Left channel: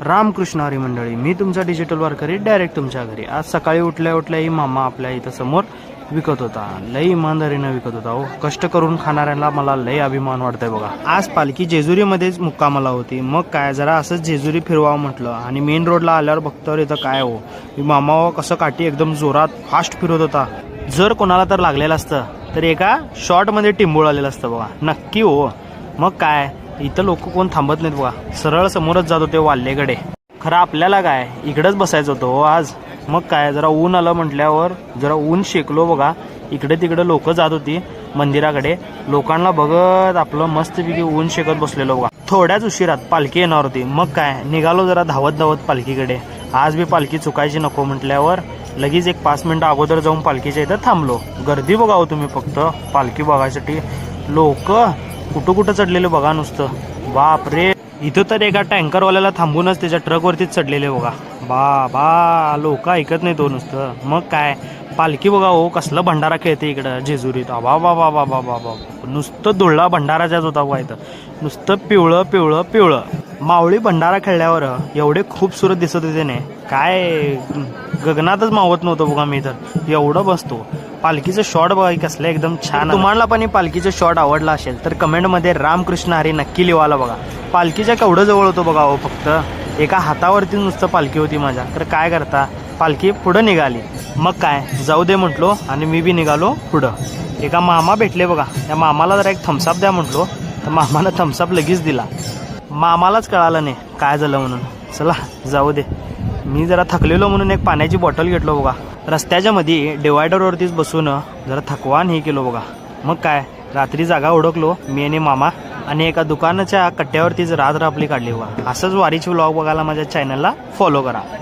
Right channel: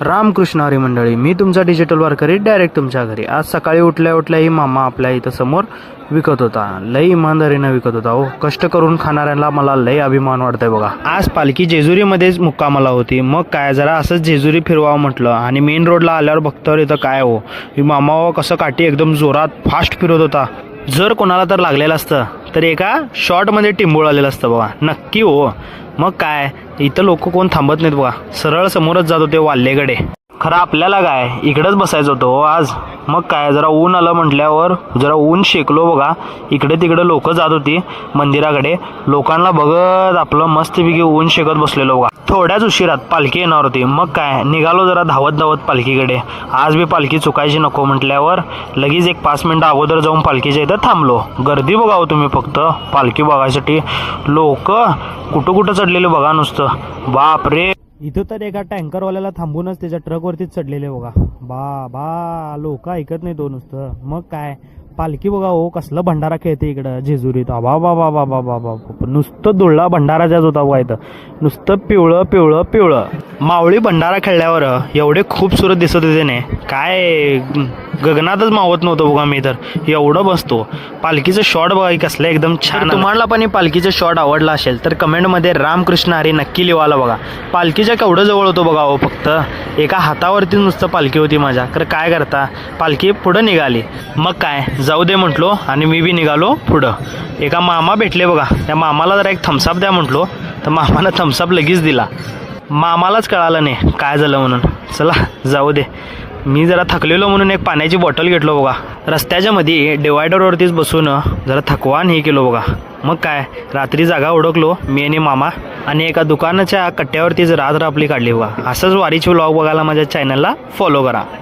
रामकृष्ण हरी मंडळी, मी तुमचा डिजिटल वारकरी डायरेक्ट तुमच्या घरी. आज सकाळी उठल्या उठल्याही मामा आपल्या इथं समोर विकत होता. लई इमानदारीनं विकत होता हो. कष्ट करून खाणाऱ्यांना मला लई अभिमान वाटतंय बघा. आज पालखी जेजुरीमध्येच मुक्कामाला होती. मग काय जरा असंच जेजुरी फिरवावं म्हटलं आणि मेन रोडला आल्यावर बघतो इथं काय हो, ही मामा हो कसं काठी एकदम जोरात फास्ट फिरवत होता. जर कोणाला तर लागलेलं असतं तर एका शॉर्टमध्ये टिंबूळ आलेलं असतं बघा, नक्की हो. मग काय इथं लोक कोण थांबत नाहीत बघा, सरळ समोरच जात होते वाल्लेकडे. खरं आपल्याला काय इकडेच बसायचं होतं हो आज. मग काय जरा ऊन आलं म्हटल्यावर जरा ऊन शेकलो बघा. इकडे तिकडे लोक जात होती मंदिराकडे. लोकांना बघत आपलं मस्तपैकी ऊन शेकत बसलेलो बघा. थोड्याच उशिरात पालखी येणार होती. मग काय निघालो जरा धावत धावत पालखीकडे. आज बी पालखी चुकायची नको म्हटल्यावर लगेच एक 5 मिनिटं अगोदर जाऊन पालखीच्या इथं थांबलो. गर्दी बघावं तुम्ही फक्त पालखी बघायसाठी. लोक कुठं कुठं चढलेले बघा नुसतं. बाप रे, इथं तर एका टँकरवाल्याला थांबूनच त्याच्या ट्रकवरतीच चढलेले बघा. बा लोक ऐकत नाही तो नुसतं. मग काय पालखी बघा हो, कसलं भंडारा खेळते इकडं जेजुरीत. बा नुसतं धुळा भंडाराच्याच होता बघा इथं. नुसतं पिवळं पिवळं पिवळं. मावळी भंडारा खेळल्यावर एवढे खूपसुरत दिसत होते ने, काय गगनातच मावत नव्हतं बघा मी तर. एवढं बसतो. पालखीचं शॉट बघा कसलं एकदम छान. तुम्हाला पण पालखीचं शॉट आवडला असेल तर कमेंटमध्ये रामकृष्ण हरी नक्की लिवाला बघा. पालखीच्या केवढं जवळ होतो बघा हो. फक्त एका हातावरती नुसतं पालखी होती माझ्या. तर काय करता, पालखी पुढं निघाली. मग काय जाऊ दे म्हटलो आणि मी बी निघालो पुढं. एका मामा भेटले बघा. त्या मामाला जरा एक थम्सअप द्या म्हटलो तर मामानं थम्सअप लगेच दिला. मामालाच कळालं नाही काय झालं म्हणून. चला जाऊ दे. मी जरा थकलेलो म्हणून एक पाण्याची बॉटल घेतलो बघा. रस्त्याच्या मध्ये डिवायडरवरतीच बसून जरा थकवान हे केलो बघा. मग काय रात्री जागा ओळखलो मी आणि मामा आणि एका दुकानाच्या कट्ट्यावरतीच रात्र आपली काढली बघा. असंच वारीची व्लॉग बघायला माझ्या चॅनलला फॉलो करा.